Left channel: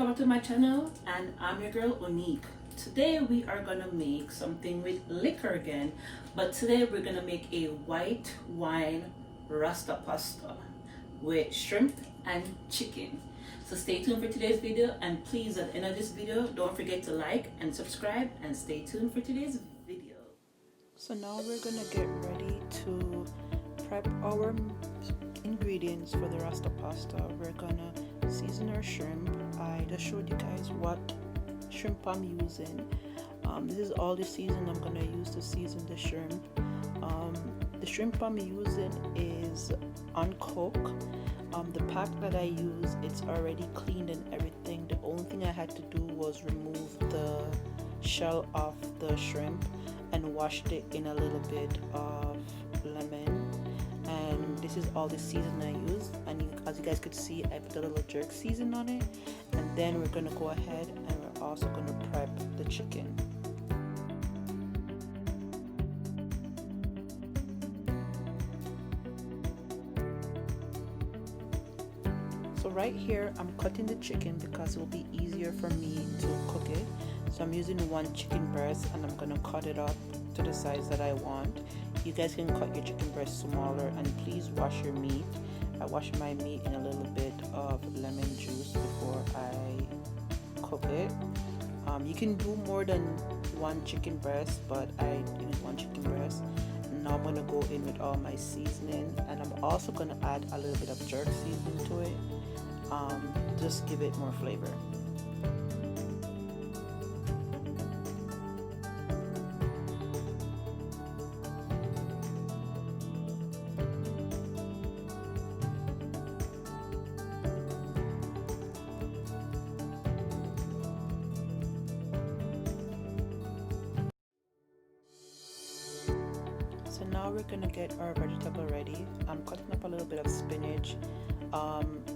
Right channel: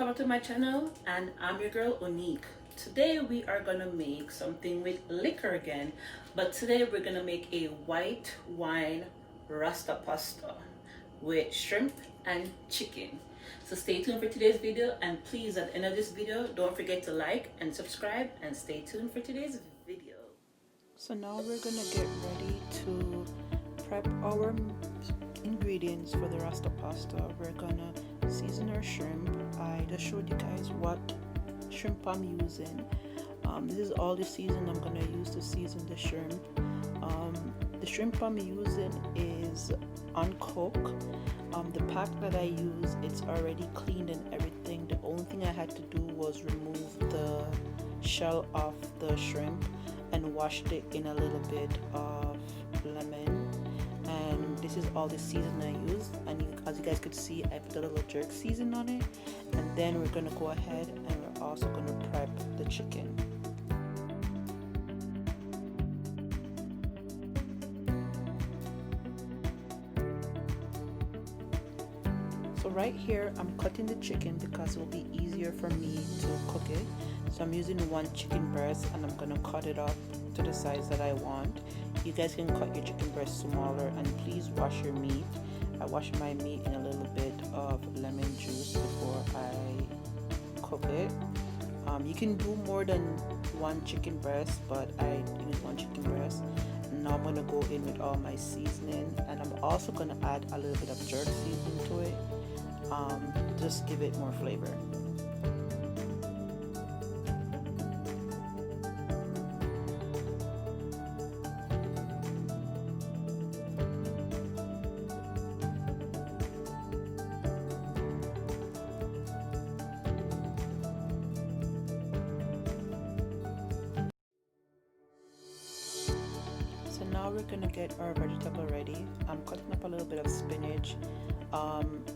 welcome back to my channel, and I'm your girl Unique. Today we are gonna make something with liquor again, but today we're gonna make a white wine Rasta pasta with shrimp and chicken. So stay tuned for today's video, and please at the end of this video don't forget to like and subscribe, and stay tuned for today's video. So now we're gonna get ready to prep our ingredients for the Rasta pasta. We're gonna season our shrimp. I just showed you guys what shrimp I'm using. This is all the season I'm gonna use to season the shrimp. The shrimp I'm using is uncooked. The pack that I use, it's already cleaned and everything. The only thing I had to do was remove the shell off the shrimp and washed it in a little bit of lemon. And this is all the season I use, and as you guys could see, I put a little jerk season on it. And then we're gonna go ahead and we're also gonna prep the chicken. So right here I'm cutting the chicken because it will be easier for me to cook it. So I'm using one chicken breast and I'm gonna cut it up to the size that I want. You guys can cut your chicken breast smaller, and please wash your meat. I wash my meat in a little bit of lemon juice before I cook it. You can do more than one chicken breast, but I use one chicken breast. Now I'm gonna go in with all my seasoning, and I'm also gonna add a little bit of jerk seasoning to it. Just give it more flavor. So now we're gonna get our vegetable ready. I'm cutting up a little bit of spinach.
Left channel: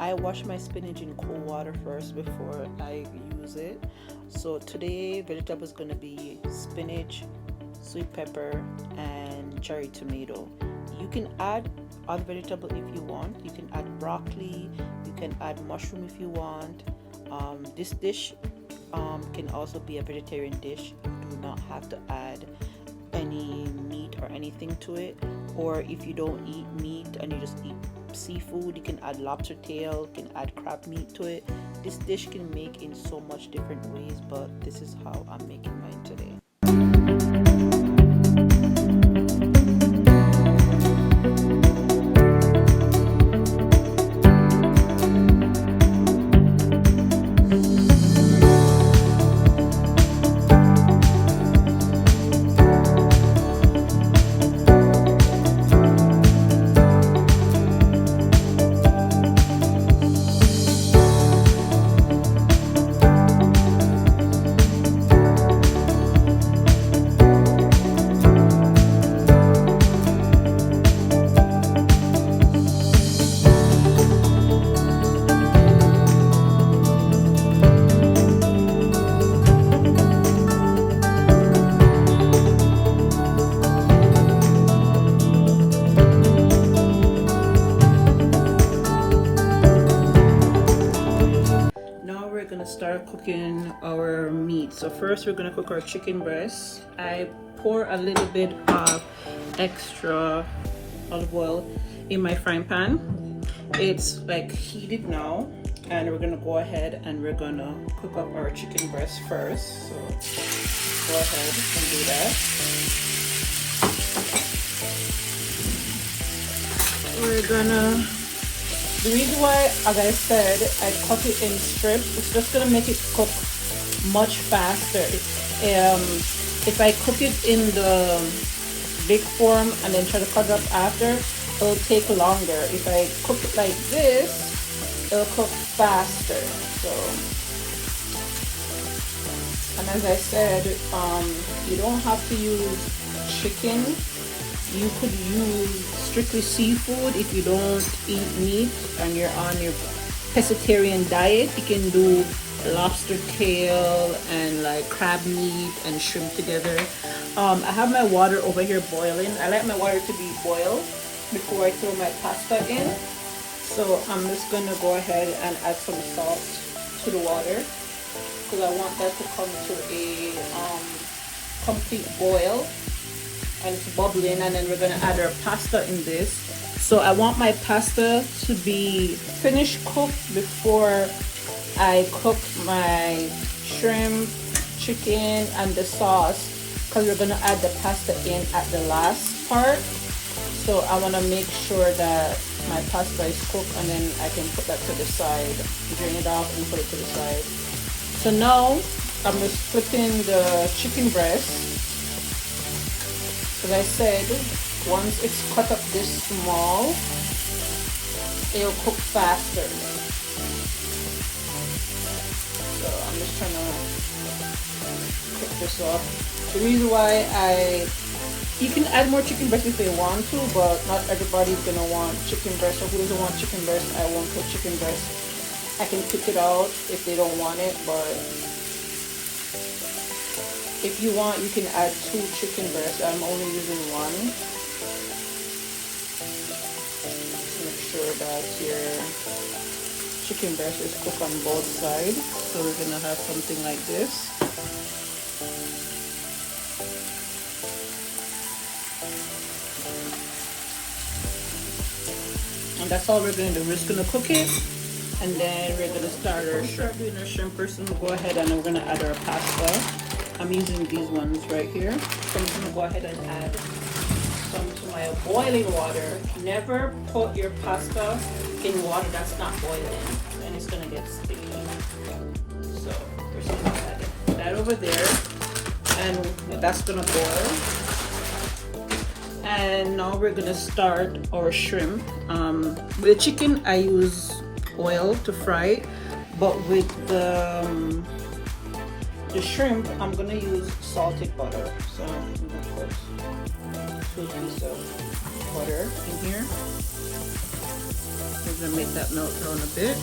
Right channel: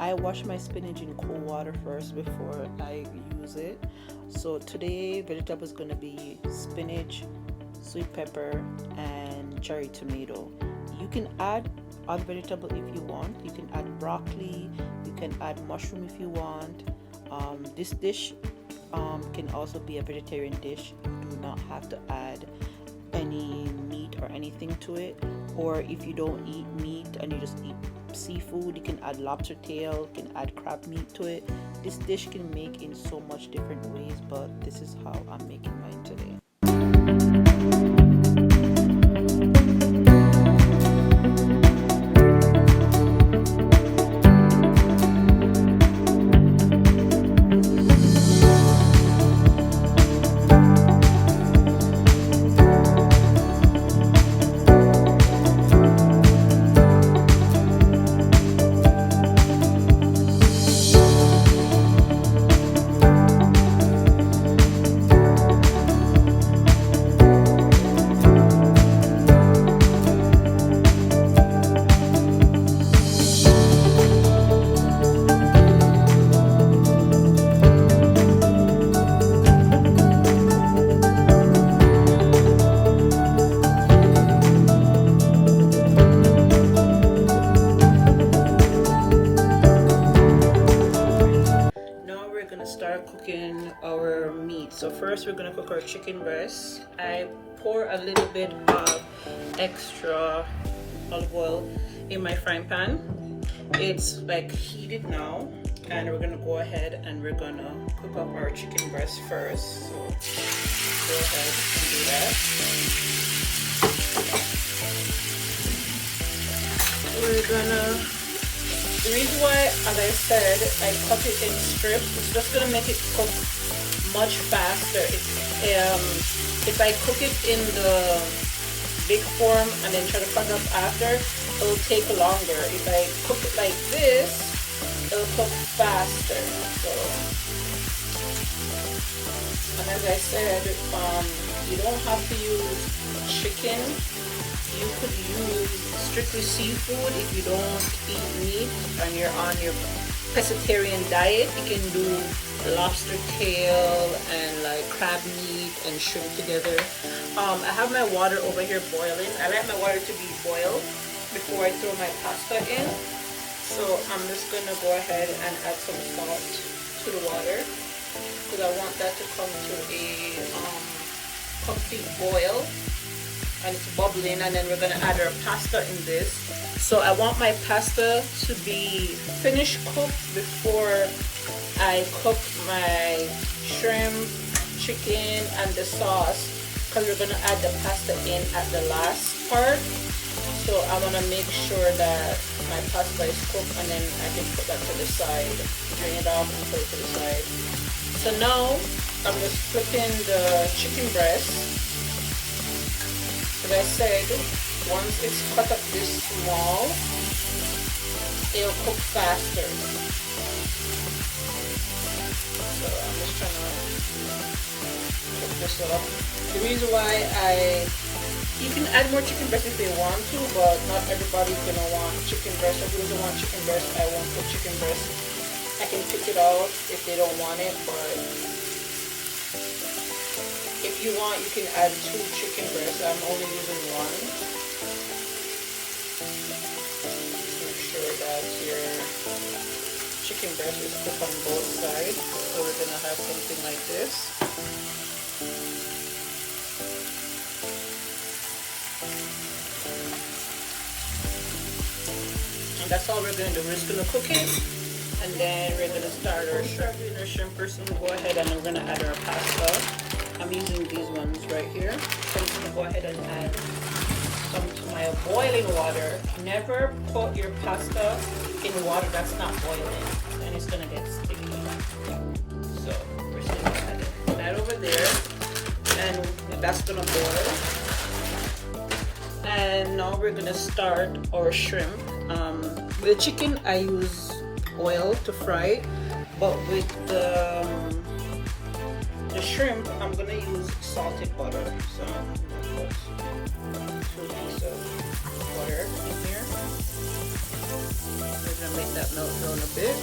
I wash my spinach in cold water first before I use it. So today vegetable is gonna be spinach, sweet pepper, and cherry tomato. You can add other vegetable if you want. You can add broccoli, you can add mushroom if you want. This dish can also be a vegetarian dish. You do not have to add any meat or anything to it. Or if you don't eat meat and you just eat seafood, you can add lobster tail, you can add crab meat to it. This dish can make in so much different ways, but this is how I'm making mine today. Our meat. So first we're gonna cook our chicken breast. I pour a little bit of extra olive oil in my frying pan. It's like heated now, and we're gonna go ahead and we're gonna cook up our chicken breast first. So go ahead and do that. We're gonna, the reason why, as I said, I cut it in strips, it's just gonna make it cook much faster. If I cook it in the big form and then try to cut it up after, it'll take longer. If I cook it like this, it'll cook faster. So, and as I said, you don't have to use chicken. You could use strictly seafood if you don't eat meat and you're on your pescatarian diet. You can do lobster tail and like crab meat and shrimp together. I have my water over here boiling. I like my water to be boiled before I throw my pasta in. So I'm just gonna go ahead and add some salt liquid water because I want that to come to a complete boil, and it's bubbling, and then we're gonna add our pasta in this. So I want my pasta to be finished cooked before I cook my shrimp, chicken, and the sauce, because we're gonna add the pasta in at the last part. So I want to make sure that my pasta is cooked, and then I can put that to the side, drain it off and put it to the side. So now I'm just flipping the chicken breast. As I said, once it's cut up this small, it'll cook faster. So I'm just trying to cook this up. The reason why you can add more chicken breast if they want to, but not everybody's gonna want chicken breast. Or if you don't want chicken breast, I won't put chicken breast. I can pick it out if they don't want it, but if you want, you can add 2 chicken breasts. I'm only using 1. Make sure that your chicken breast is cooked on both sides. So we're gonna have something like this. And that's all we're going to do. We're just going to cook it, and then we're going to start our shrimp. In our shrimp first, we'll go ahead and we're going to add our pasta. I'm using these ones right here. So I'm going to go ahead and add some to my boiling water. Never put your pasta in water that's not boiling, and it's going to get sticky. So we're just going to add that over there, and that's going to boil. And now we're gonna start our shrimp. With the chicken, I use oil to fry it, but with the shrimp, I'm gonna use salted butter. So I'm gonna put 2 pieces of butter in here. We're gonna make that melt a little bit.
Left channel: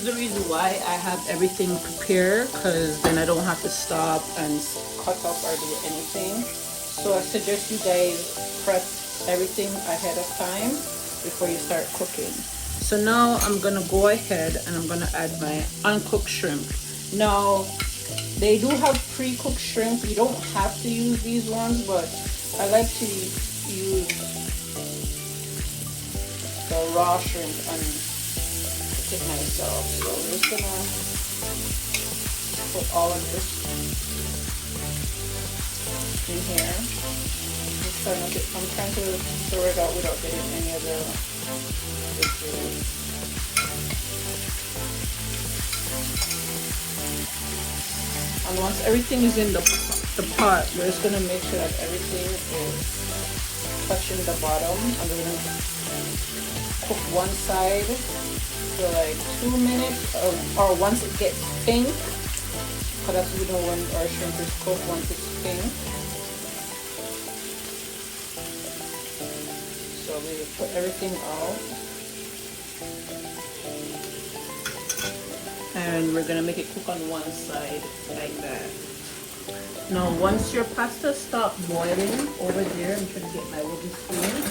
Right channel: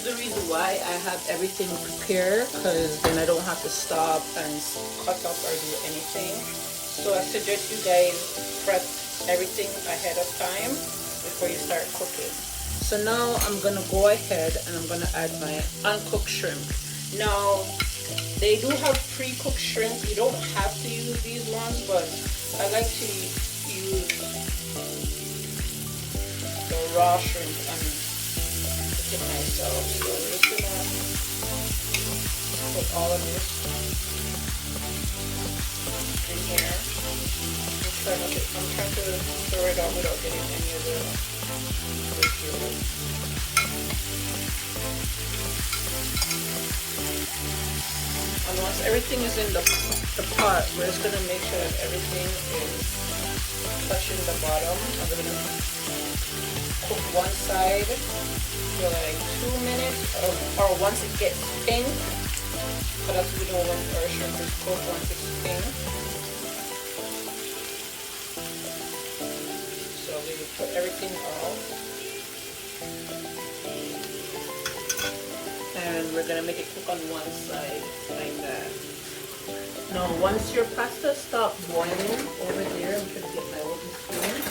The reason why I have everything prepared, because then I don't have to stop and cut up or do anything. So I suggest you guys prep everything ahead of time before you start cooking. So now I'm gonna go ahead and I'm gonna add my uncooked shrimp. Now they do have pre-cooked shrimp. You don't have to use these ones, but I like to use the raw shrimp and it myself. So I'm just gonna put all of this in here. I'm trying to throw it out without getting any of the juice. And once everything is in the pot, we're just gonna make sure that everything is touching the bottom, and we're gonna cook one side for like 2 minutes, or once it gets pink, because we know when our shrimp is cooked once it's pink. So we will put everything out, and we're gonna make it cook on one side like that. Now once your pasta stops boiling over there, I'm trying to get my wooden spoon.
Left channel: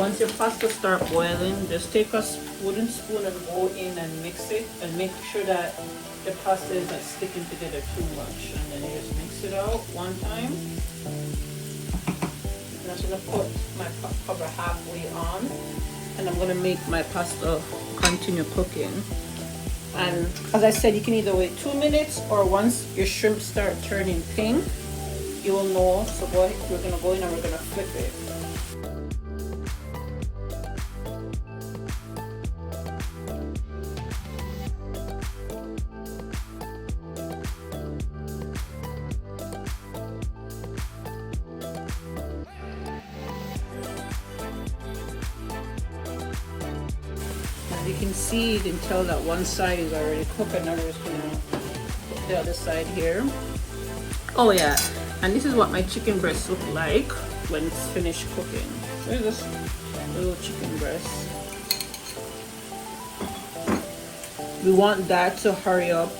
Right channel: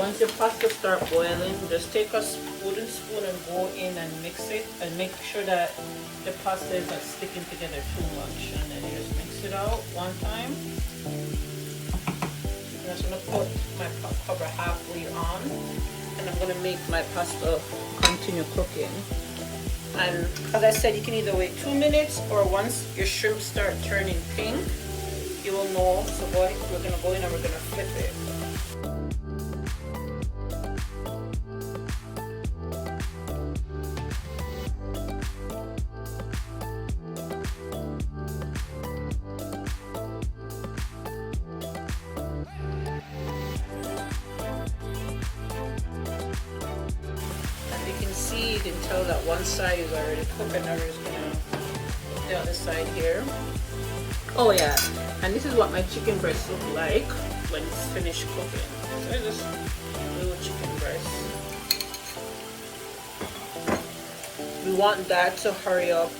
Once your pasta starts boiling, just take a wooden spoon and go in and mix it, and make sure that the pasta is not sticking together too much. And then you just mix it out one time. I'm just gonna put my cover halfway on, and I'm gonna make my pasta continue cooking. And as I said, you can either wait 2 minutes, or once your shrimp start turning pink, you will know. So go ahead, we're gonna go in and we're gonna flip it. You can tell that one side is already cooked, and I'm just gonna put the other side here. Oh yeah, and this is what my chicken breast look like when it's finished cooking. So it's just a little chicken breast. We want that to hurry up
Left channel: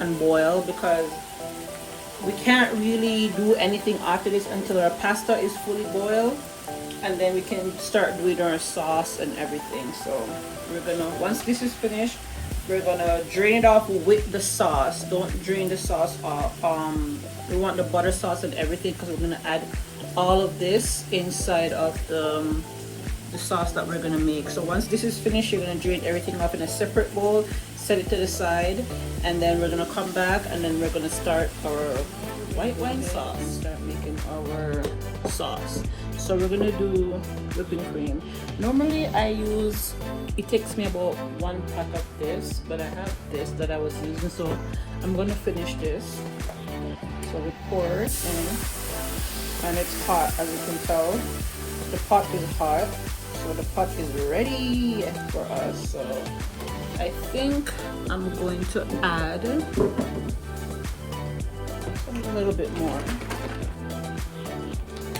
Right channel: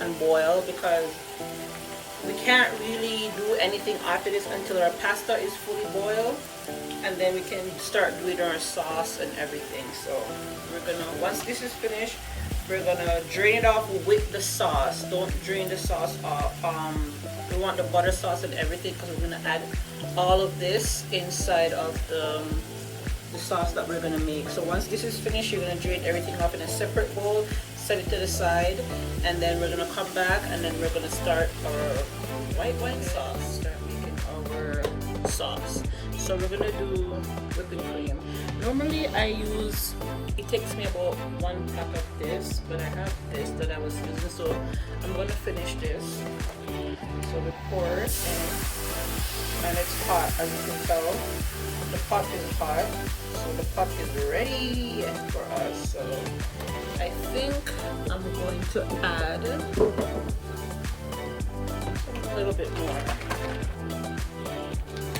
and boil, because we can't really do anything after this until our pasta is fully boiled, and then we can start doing our sauce and everything. So we're gonna, once this is finished, we're gonna drain it off with the sauce. Don't drain the sauce off. We want the butter sauce and everything because we're gonna add all of this inside of the sauce that we're gonna make. So once this is finished, you're gonna drain everything off in a separate bowl, set it to the side, and then we're gonna come back and then we're gonna start our white wine sauce. Start making our sauce. So we're gonna do whipping cream. Normally I use, it takes me about 1 pack of this, but I have this that I was using, so I'm gonna finish this. So we pour it in, and it's hot, as you can tell. The pot is hot, so the pot is ready for us. So I think I'm going to add a little bit more.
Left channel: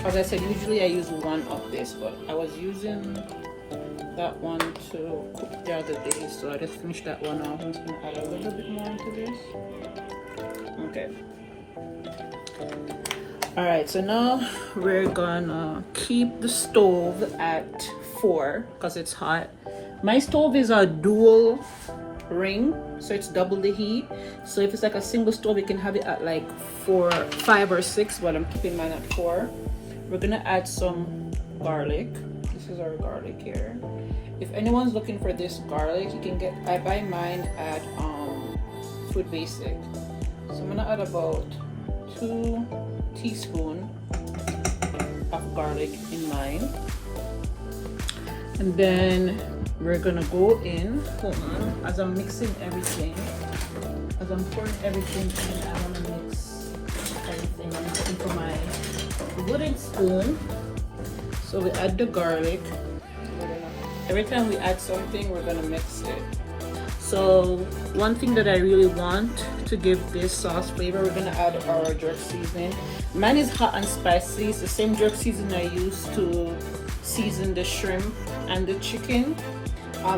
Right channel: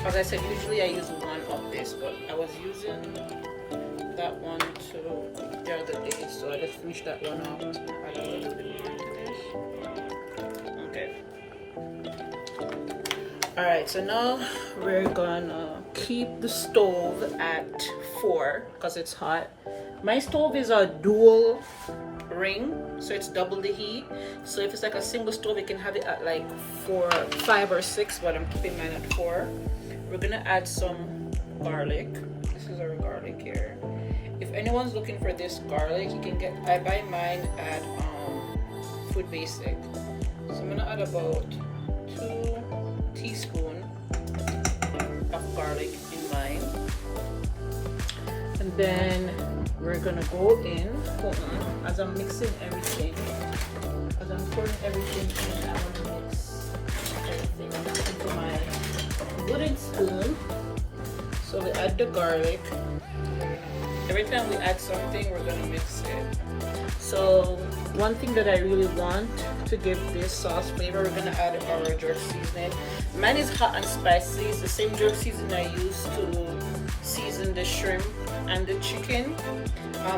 As I said, usually I use 1 of this, but I was using that one to cook the other day, so I just finished that one off. I'm just gonna add a little bit more into this. Okay. Alright, so now we're gonna keep the stove at 4 because it's hot. My stove is a dual ring, so it's double the heat. So if it's like a single stove, you can have it at like 4, 5 or 6, but I'm keeping mine at 4. We're gonna add some garlic. This is our garlic here. If anyone's looking for this garlic, you can get, I buy mine at Food Basic. So I'm gonna add about 2 teaspoons of garlic in mine. And then we're gonna go in, as I'm mixing everything, as I'm pouring everything in, I wanna mix everything into my wooden spoon. So we add the garlic. Every time we add something, we're gonna mix it. So one thing that I really want to give this sauce flavor, we're gonna add our jerk seasoning. Mine is hot and spicy. It's the same jerk seasoning I use to season the shrimp and the chicken.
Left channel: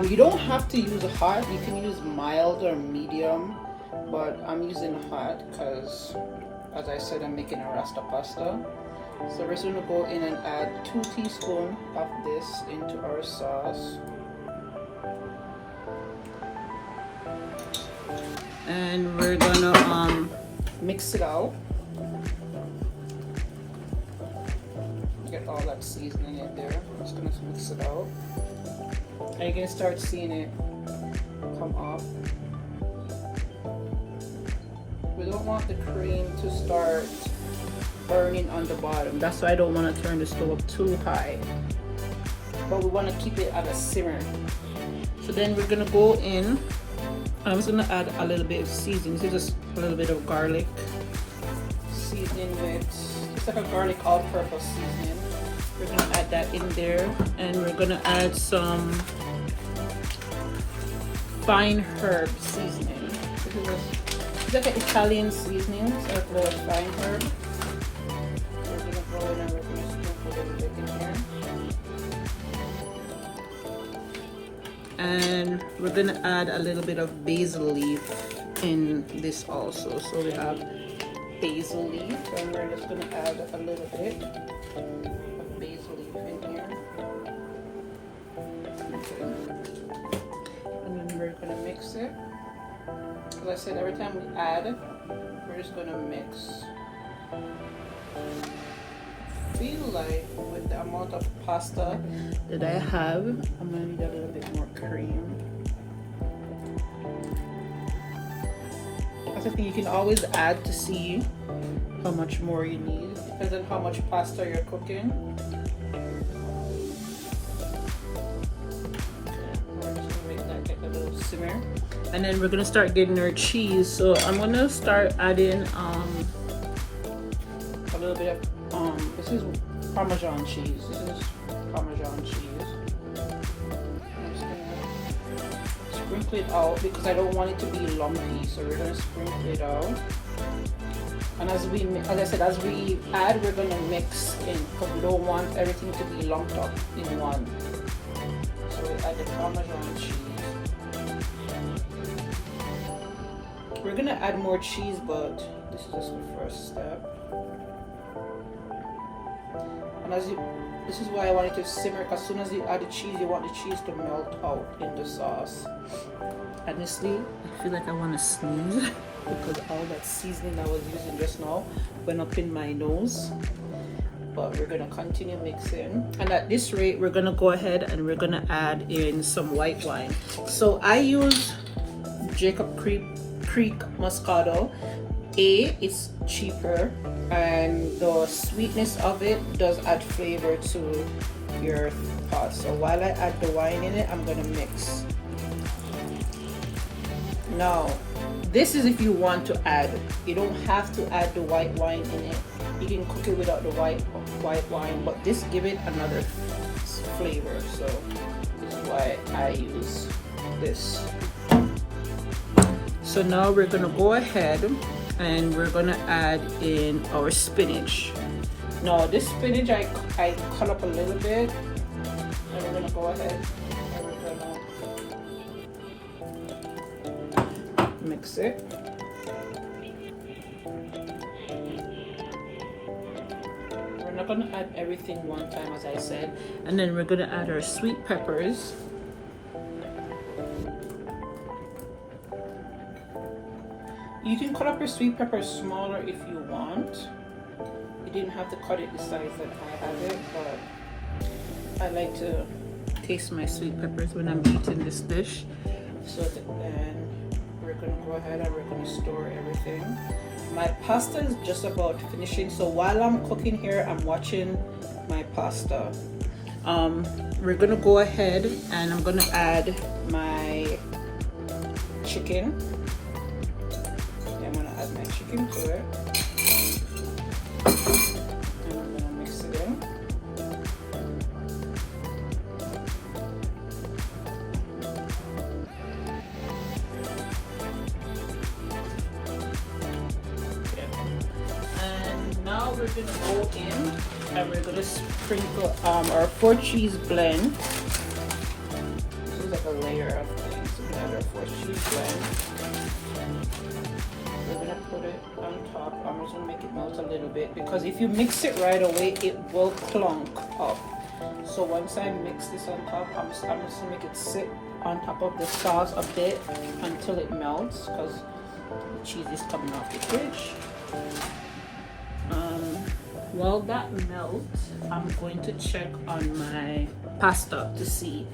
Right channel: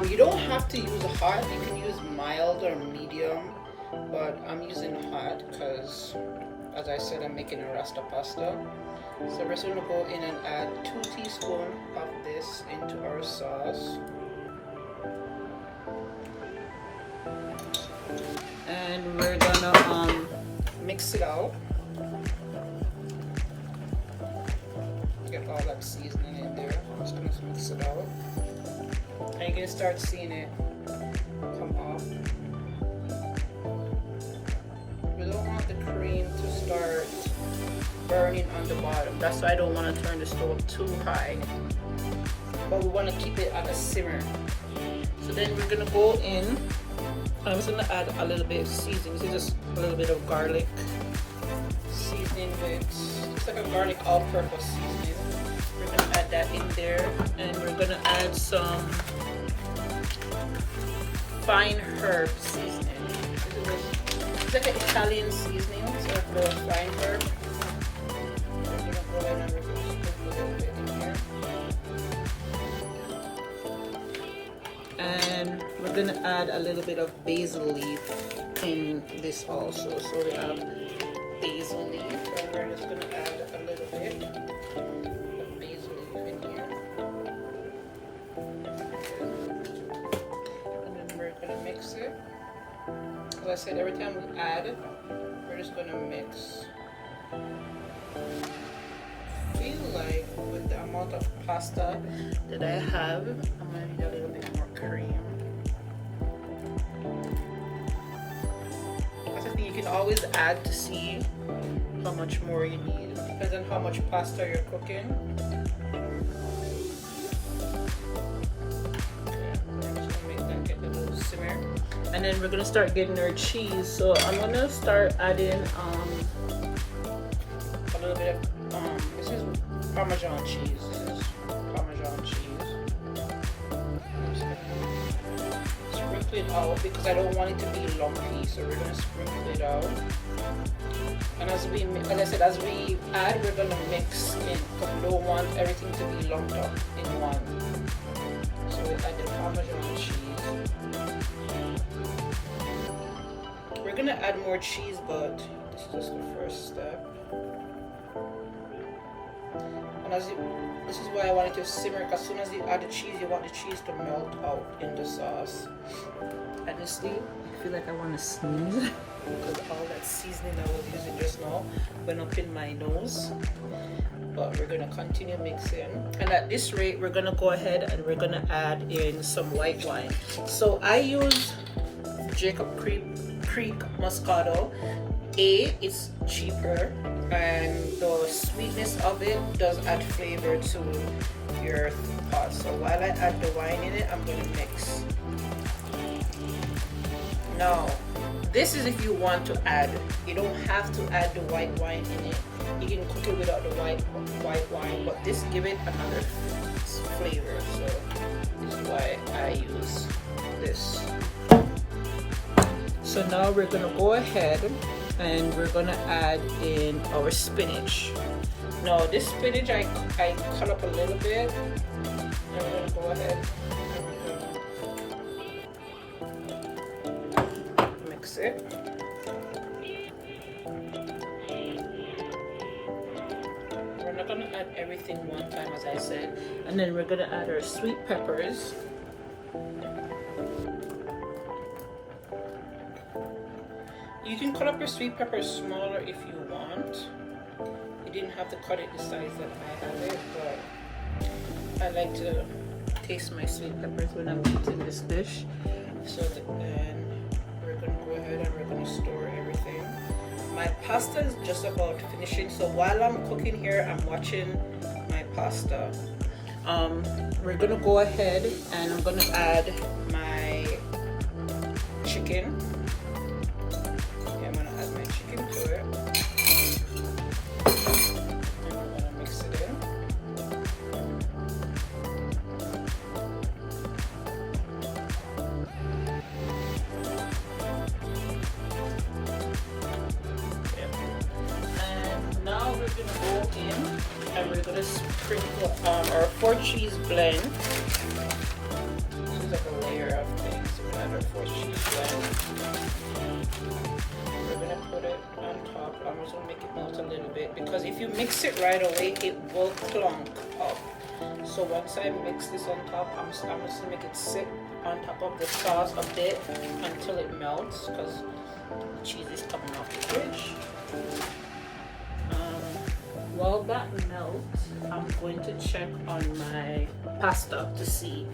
You don't have to use hot. You can use mild or medium, but I'm using hot because, as I said, I'm making a Rasta pasta. So we're just going to go in and add 2 teaspoons of this into our sauce. And we're going to mix it out. Get all that seasoning in there. I'm just going to mix it out. And you're going to start seeing it come off. We don't want the cream to start burning on the bottom. That's why I don't want to turn the stove too high, but we want to keep it at a simmer. So then we're gonna go in. I'm just gonna add a little bit of seasoning. This is just a little bit of garlic seasoning with just like a garlic all-purpose seasoning. We're gonna add that in there, and we're gonna add some fine herb seasoning. This is like an Italian seasoning, so like a fine herb. And we're gonna add a little bit of basil leaf in this also. So we have basil leaf, and we're just gonna add a little bit of basil leaf in here. And then we're gonna mix it. As I said, every time we add, we're just gonna mix. Feel like with the amount of pasta that I have, I'm gonna need a little bit more cream. I think you can always add to see how much more you need, depends on how much pasta you're cooking. Simmer. And then we're gonna start getting our cheese. So I'm gonna start adding a little bit of this is Parmesan cheese. This is Parmesan cheese. I'm just gonna sprinkle it out because I don't want it to be lumpy. So we're gonna sprinkle it out. And as I said, as we add, we're gonna mix in because we don't want everything to be lumped up in one. So we add the Parmesan cheese. We're gonna add more cheese, but this is just the first step. And this is why I want it to simmer, because as soon as you add the cheese, you want the cheese to melt out in the sauce. Honestly, I feel like I want to sneeze because all that seasoning I was using just now went up in my nose. But we're going to continue mixing, and at this rate we're going to go ahead and we're going to add in some white wine. So I use Jacob Creek Moscato. It's cheaper, and the sweetness of it does add flavor to your sauce. So while I add the wine in it, I'm going to mix. Now this is if you want to add, you don't have to add the white wine in it. You can cook it without the white wine, but this give it another flavor. So this is why I use this. So now we're gonna go ahead and we're gonna add in our spinach. Now this spinach I cut up a little bit. And we're gonna go ahead and we're gonna mix it. We're gonna add everything one time, as I said, and then we're gonna add our sweet peppers. You can cut up your sweet peppers smaller if you want. You didn't have to cut it the size that I have it, but I like to taste my sweet peppers when I'm eating this dish. So then we're gonna go ahead and we're gonna store everything. My pasta is just about finishing, so while I'm cooking here, I'm watching my pasta. We're gonna go ahead and I'm gonna add my chicken. I'm gonna add my chicken to it. And I'm gonna mix it in. We're gonna go in and we're gonna sprinkle our 4-cheese blend. This is like a layer of things. So we're gonna have our 4-cheese blend. We're gonna put it on top. I'm just gonna make it melt a little bit because if you mix it right away, it will clunk up. So once I mix this on top, I'm just gonna make it sit on top of the sauce a bit until it melts, because the cheese is coming off the fridge. While that melts, I'm going to check on my pasta to see.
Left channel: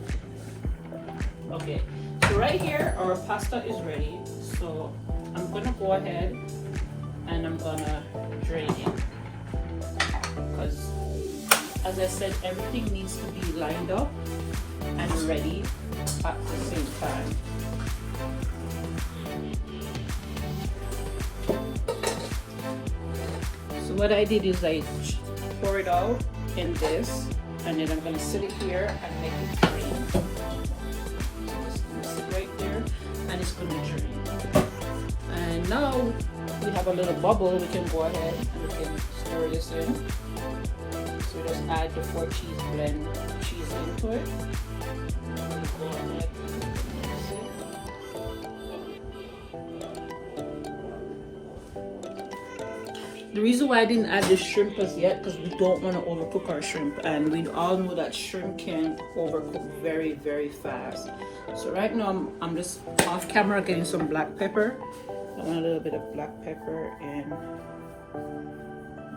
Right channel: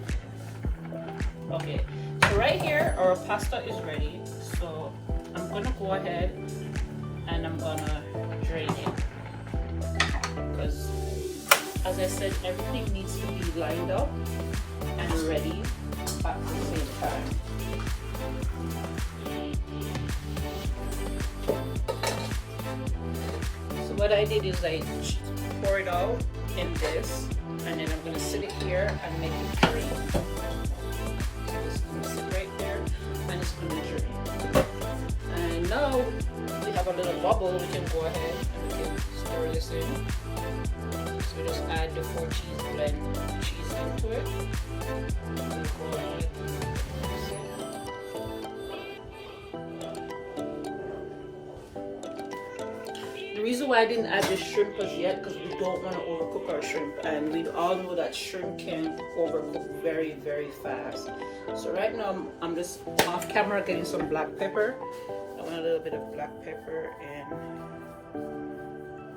Okay, so right here our pasta is ready. So I'm gonna go ahead and I'm gonna drain it, because as I said, everything needs to be lined up and ready at the same time. What I did is I pour it out in this, and then I'm going to sit it here and make it drain. It's going to sit right there and it's going to drain. And now we have a little bubble. We can go ahead and we can stir this in. So we just add the 4-cheese blend cheese into it. And we go ahead. The reason why I didn't add the shrimp was yet because we don't want to overcook our shrimp, and we all know that shrimp can overcook very, very fast. So right now I'm just off camera getting some black pepper. I want a little bit of black pepper and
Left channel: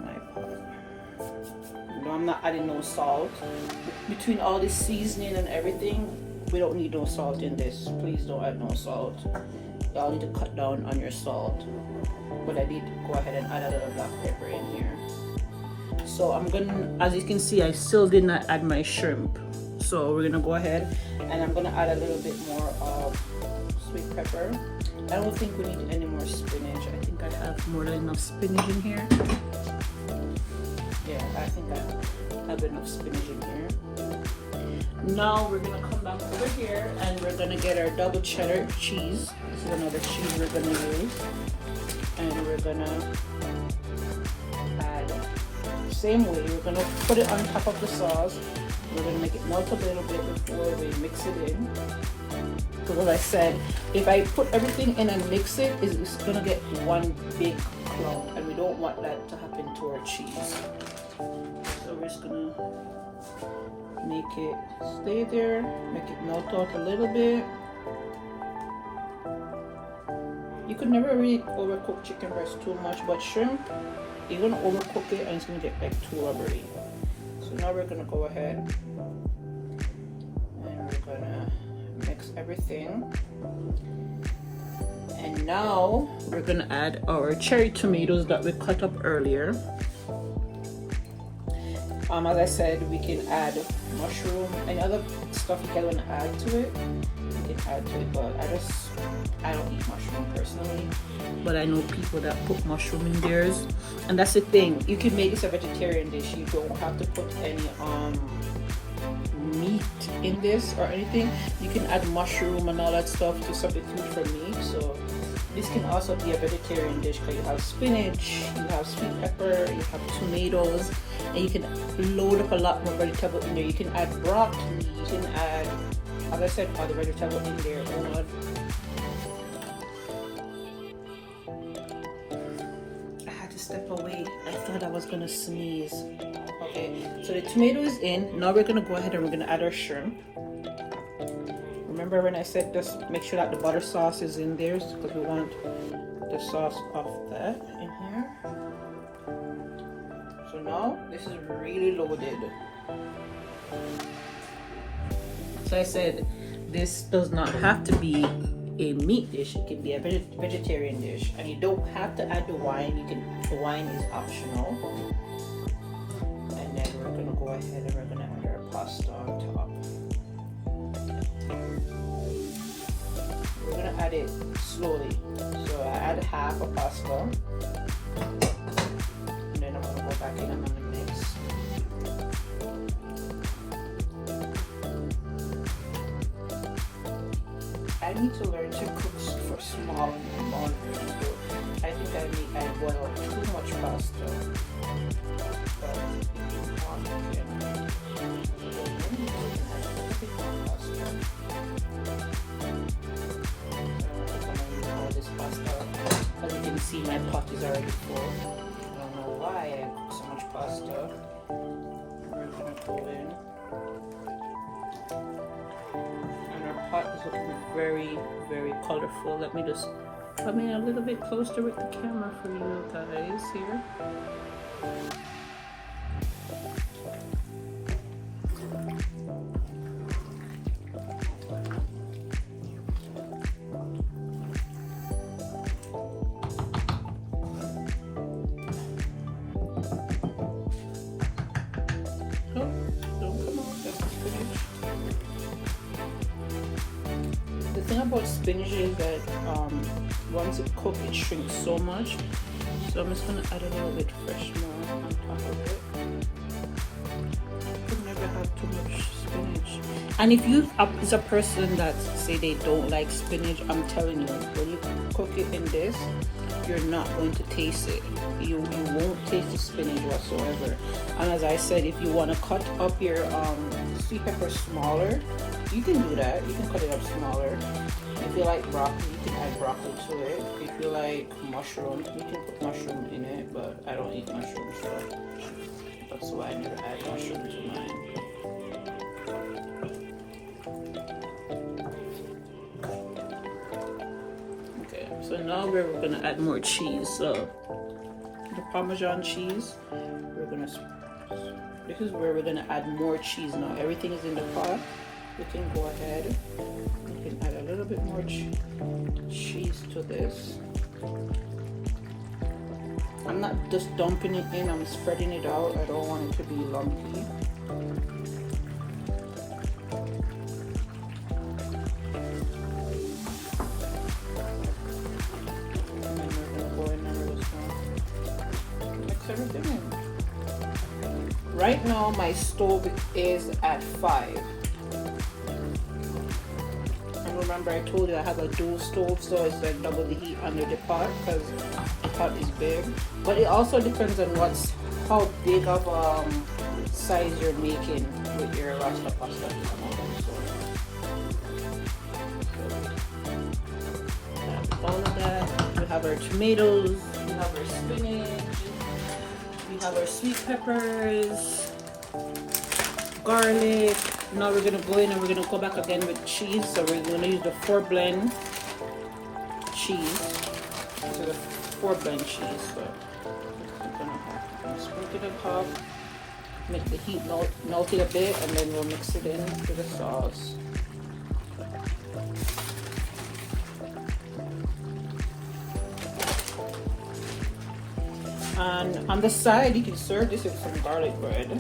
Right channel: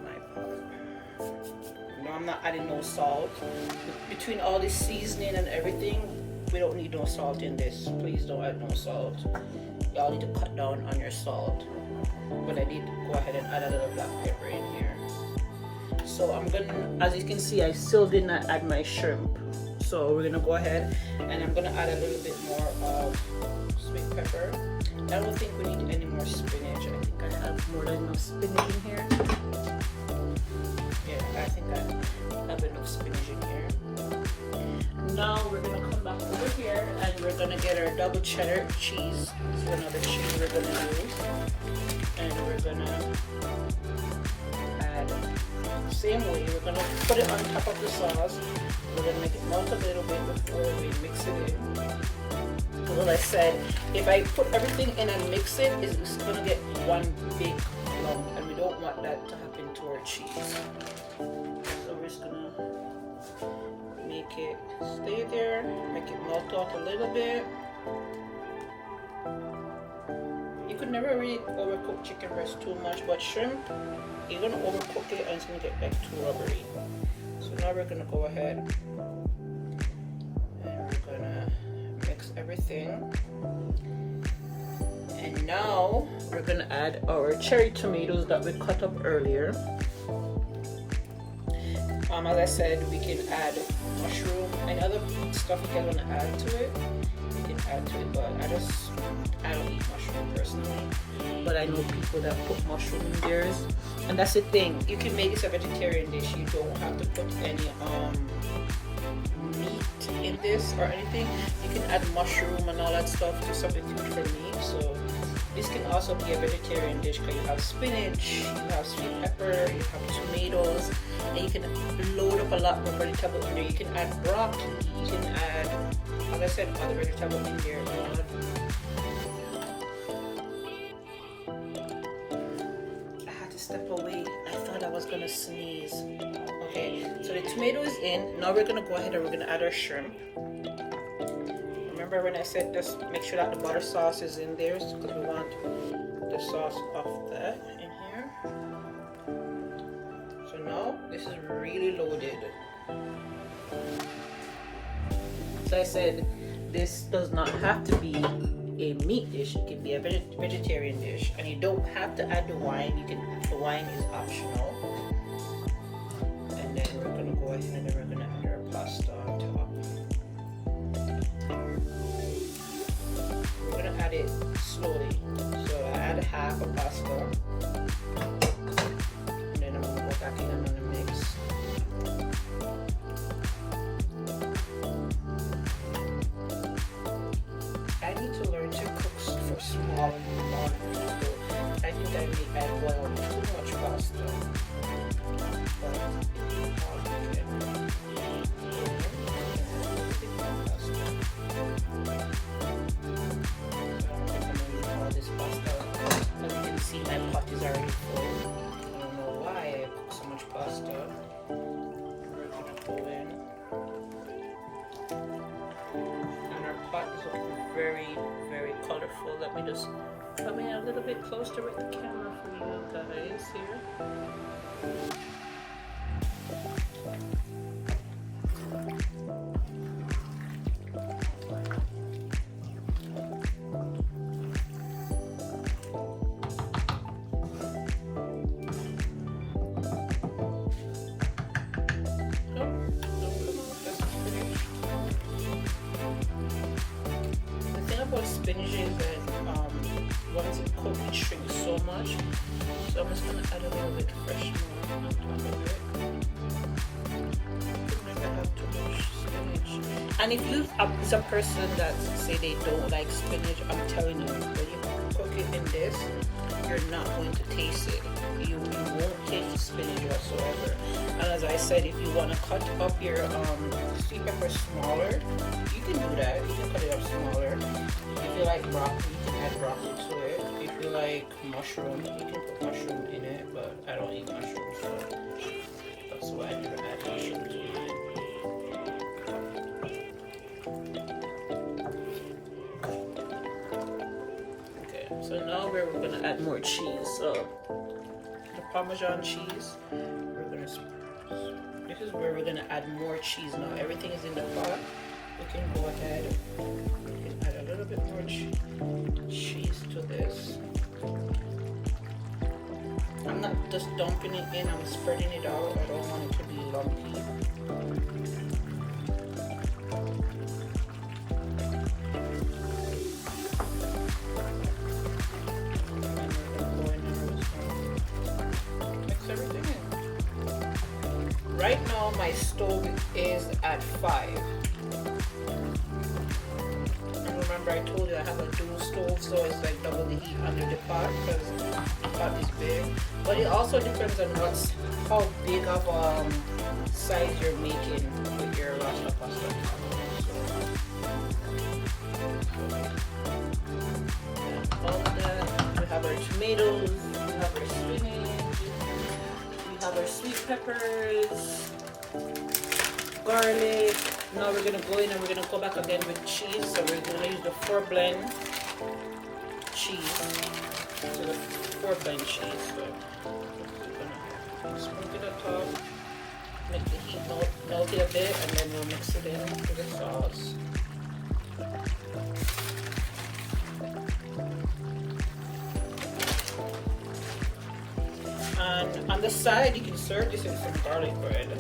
my pot. No, I'm not adding no salt. Between all this seasoning and everything, we don't need no salt in this. Please don't add no salt. Y'all need to cut down on your salt. But I did go ahead and add a little black pepper in here. So I'm gonna, as you can see, I still did not add my shrimp. So we're gonna go ahead and I'm gonna add a little bit more of sweet pepper. I don't think we need any more spinach. I think I have more than enough spinach in here. Yeah, I think I have enough spinach in here. Now we're gonna come back over here and we're gonna get our double cheddar cheese. This is another cheese we're gonna use. And we're gonna add the same way. We're gonna put it on top of the sauce. We're gonna make it melt a little bit before we mix it in. Because as I said, if I put everything in and mix it, it's gonna get one big clump. that to happen to our cheese. So we're just gonna make it stay there, make it melt out a little bit. You could never really overcook chicken breast too much, but shrimp, you're gonna overcook it and it's gonna get like too rubbery. So now we're gonna go ahead and we're gonna mix everything. And now we're gonna add our cherry tomatoes that we cut up earlier. As I said, we can add mushroom and other stuff you can want to add to it. You can add to it, but I don't eat mushroom personally. But I know people that put mushroom in theirs, and that's the thing. You can make this a vegetarian dish. You don't have to put any meat in this or anything. You can add mushroom and all that stuff to substitute for meat. So this can also be a vegetarian dish because you have spinach, you have sweet pepper, you have tomatoes, and you can load up a lot more vegetables in there. You can add broccoli, you can add, as I said, other vegetables in there. I had to step away. I thought I was gonna sneeze. Okay, so the tomato is in. Now we're gonna go ahead and we're gonna add our shrimp. Remember when I said just make sure that the butter sauce is in there because we want the sauce of that in here. So now this is really loaded. So I said this does not have to be a meat dish. It can be a vegetarian dish, and you don't have to add the wine. The wine is optional. And then we're gonna go ahead and we're gonna add our pasta on top. We're gonna add it slowly. So I add half a pasta, and then I'm gonna go back in and I'm gonna mix. I need to learn to cook for small quantities. So I think I boil too much pasta. My pot is already full. I don't know why I cook so much pasta. We're gonna go in. And our pot is looking very, very colorful. Let me just come in a little bit closer with the camera for you guys here. About spinach is that once it cooks it shrinks so much, so I'm just going to add a little bit fresh milk on top of it. And if you is a person that say they don't like spinach, I'm telling you, when you cook it in this, you're not going to taste it. You won't taste the spinach whatsoever. And as I said, if you want to cut up your sweet pepper smaller, you can do that. You can cut it up smaller. If you like broccoli, you can add broccoli to it. If you like mushroom, you can put mushroom in it, but I don't eat mushroom, so that's why I never add mushroom to mine. Okay, so now we're going to add more cheese. So the Parmesan cheese, this is where we're going to add more cheese now. Everything is in the pot. We can go ahead. We can add a little bit more cheese to this. I'm not just dumping it in, I'm spreading it out. I don't want it to be lumpy. Mix everything in. Right now my stove is at 5. Remember I told you I have a dual stove, so it's like double the heat under the pot because the pot is big. But it also depends on how big of size you're making with your Rasta pasta. All of that, we have our tomatoes, we have our spinach, peppers, garlic. Now we're gonna go in and we're gonna go back again with cheese. So we're gonna use the 4-blend cheese. So the 4-blend cheese. So split it on top, make the heat melt it a bit, and then we'll mix it in with the sauce. And on the side, you can serve this with some garlic bread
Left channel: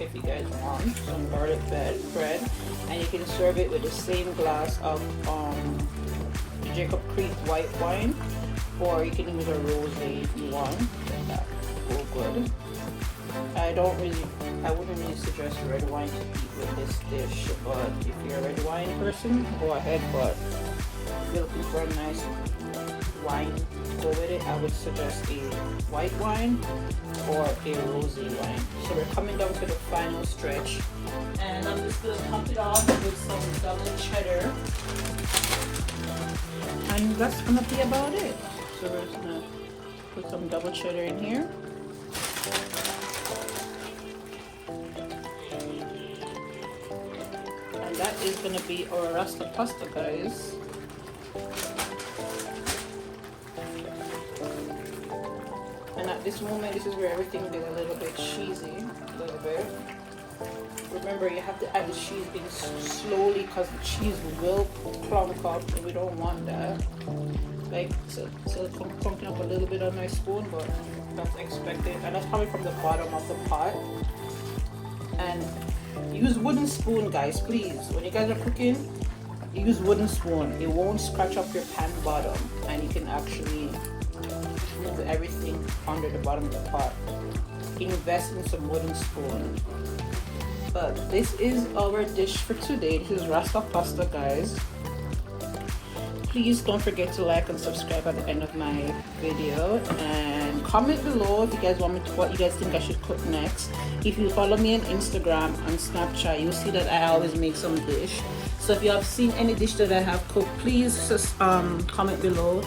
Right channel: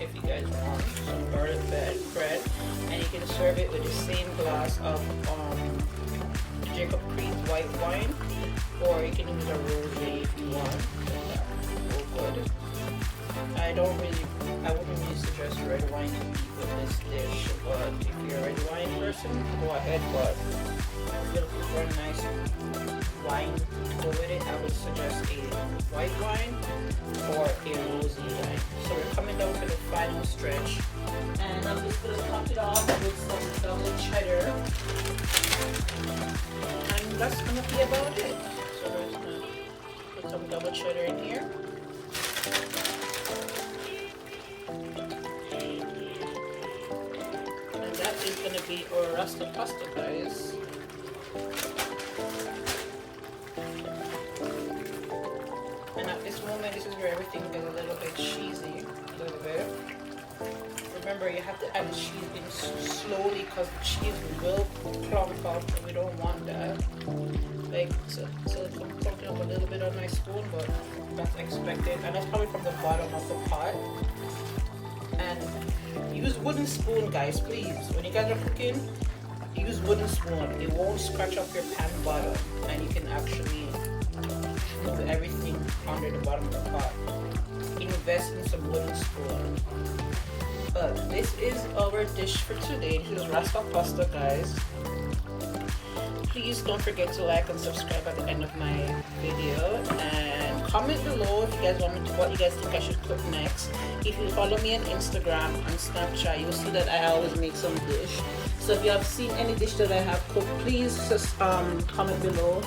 if you guys want some garlic bread, and you can serve it with the same glass of Jacob Creek white wine, or you can use a rosé if you want. So good. I wouldn't really suggest red wine to eat with this dish, but if you're a red wine person, go ahead. But if you're looking for a nice wine go with it, I would suggest a white wine or a rosé wine. So we're coming down to the final stretch, and I'm just going to top it off with some double cheddar, and that's going to be about it. So we're just going to put some double cheddar in here. And that is going to be our Rasta pasta, guys. And at this moment, this is where everything is a little bit cheesy, a little bit. Remember, you have to add the cheese in slowly because the cheese will plump up, and we don't want that. Like, so it's pumping up a little bit on my spoon, but that's expected. And that's probably from the bottom of the pot. And use wooden spoon, guys, please. When you guys are cooking, use wooden spoon. It won't scratch up your pan bottom, and you can actually put everything under the bottom of the pot. Invest in some wooden spoon. But this is our dish for today. This is Rasta pasta, guys. Please don't forget to like and subscribe at the end of my video, and comment below if you guys want me to, what you guys think I should cook next. If you follow me on Instagram and Snapchat, you'll see that I always make some dish. So if you have seen any dish that I have cooked, please just comment below